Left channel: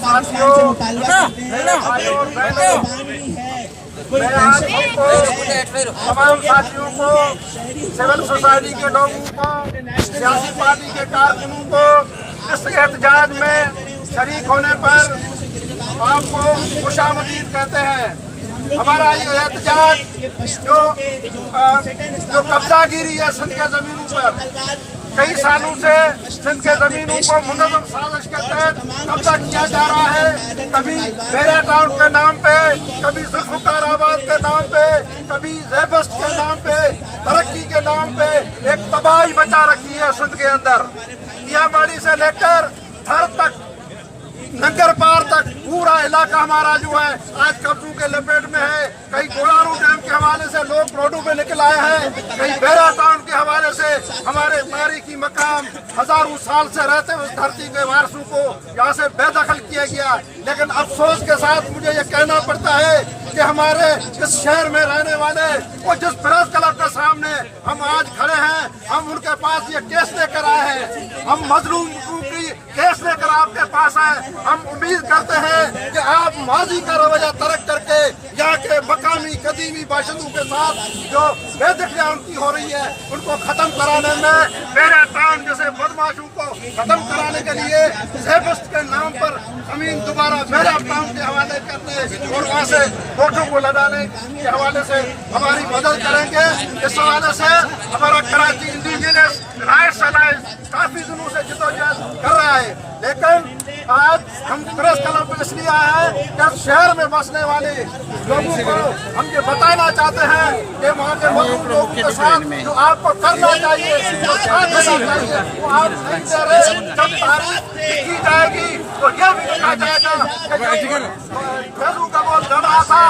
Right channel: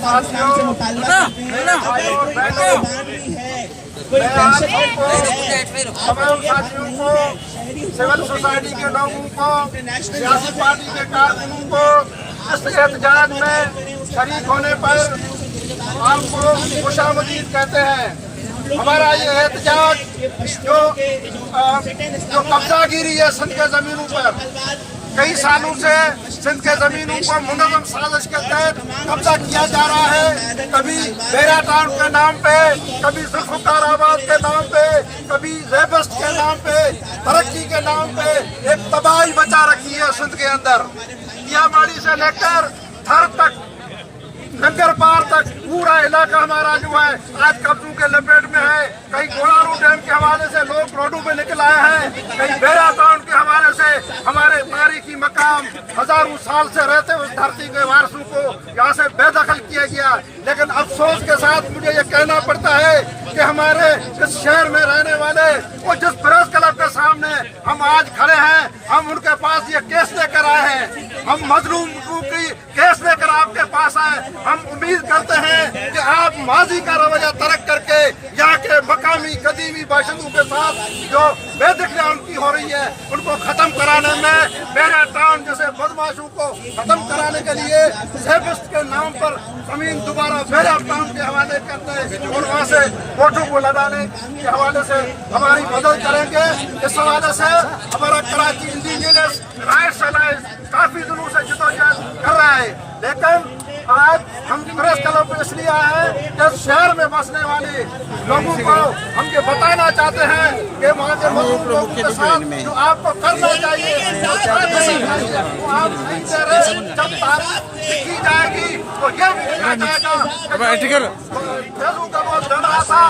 साथियों, मेरे भाइयों और बहनों, मैं आप सबको, तमाम साथियों को, सिविल सोसाइटी के लोगों को, सियासी पार्टी के कारकुनों को इस एहतजाज में शरीक होने पर आपको खुशामदीद कहते हैं। हमारा ये एहतजाज जो कब्जागिरी है सिंध के जमीनों पर, कई सालों से सिंध के जमीनों को मुनज़्ज़म साजिश के तहत कब्जा किया जा रहा है। कभी बेरा टाउन के नाम पे, कभी जुल्फ़िकार के नाम पे, कभी ज़ेबस्ट के नाम पे, तरक्की के नाम पे एक तबाही मचा रखी है सिंध के अंदर। कियामाड़ी से लेकर थर तक, नंगर पार तक पूरा इलाका हमारा जो है आज कब्जों के लपेट में है। कई गोलारू डैम के हवाले से लोग रोडों पे निकल आए हैं, कई बेरा टाउन के हवाले से हमारे तारीखी मकाम हजारों साल से रहते उस धरती के वारसों को यहाँ से बेदखल किया गया। लेकिन अफसोस के साथ मुझे ये कहना पड़ता है कि हमारे इस शहर में रहने वाले वो जिस प्रेस क्लब के सामने हम आज खड़े हैं, हम उनके पास ये केस लेकर आए हैं। हम मजलूम की केस लेकर आपके पास आए। हम उम्मीद करते हैं कि आप माजी का रवैया तर्क करके यहाँ के मकामी कदीमी बाशिंदों के साथ जो बेदखली उनकी हो रही है उनको खत्म कराने में, बेरा टाउन जैसे बदमाशों को खत्म कराने के लिए ज़ेबस्ट के नाम पर जमीन दोबारा बेरा टाउन के हवाले करते हैं और वहाँ से वोटों को लगाने के हवाले से हमारी मदद करेंगे। इस हवाले से हमारा कराची इंडिजिनस राइट्स अलायंस काफी दिनों से जद्दोजहद कर रहा है। लेकिन आज हम प्रेस क्लब पे इसलिए आए हैं कि शहर में बसने वाले लोगों को हम ये बताना चाहते हैं कि वहाँ के मजदूर लोगों के साथ जो आपको करना चाहिए, जो साथ देना चाहिए, वो आप नहीं दे रहे। जब तारीख की जाएगी तो ये भी लिखा जाएगा फैजू का बोल रहा था,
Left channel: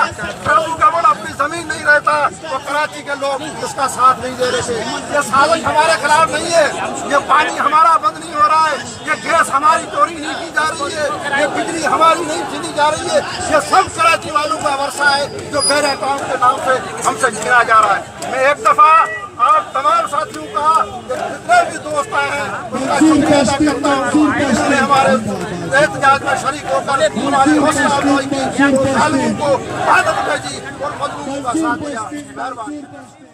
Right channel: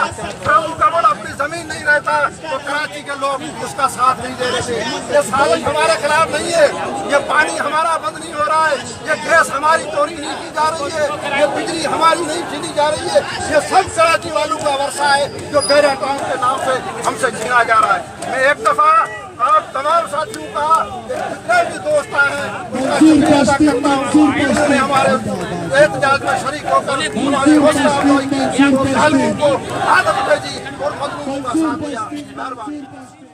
फैजू का बोल अपनी जमीन नहीं रहता तो कराची के लोग उसका साथ नहीं दे रहे थे। ये साजिश हमारे खिलाफ नहीं है, ये पानी हमारा बंद नहीं हो रहा है, ये गैस हमारी चोरी नहीं की जा रही है, ये बिजली हमारी नहीं छीनी जा रही है। ये सब कराची वालों का वर्षा है जो बेरा टाउन के नाम से हमसे छीना जा रहा है। मैं एक दफा आप तमाम साथियों का जितने भी दोस्त आए हैं उनका शुक्रिया अदा करता हूँ। उन्होंने हमारे एहतजाज में शरीक होकर हमारी हौसला अफजाई की, को मदद भेजी और मजलूमों का साथ दिया। मेहरबानी।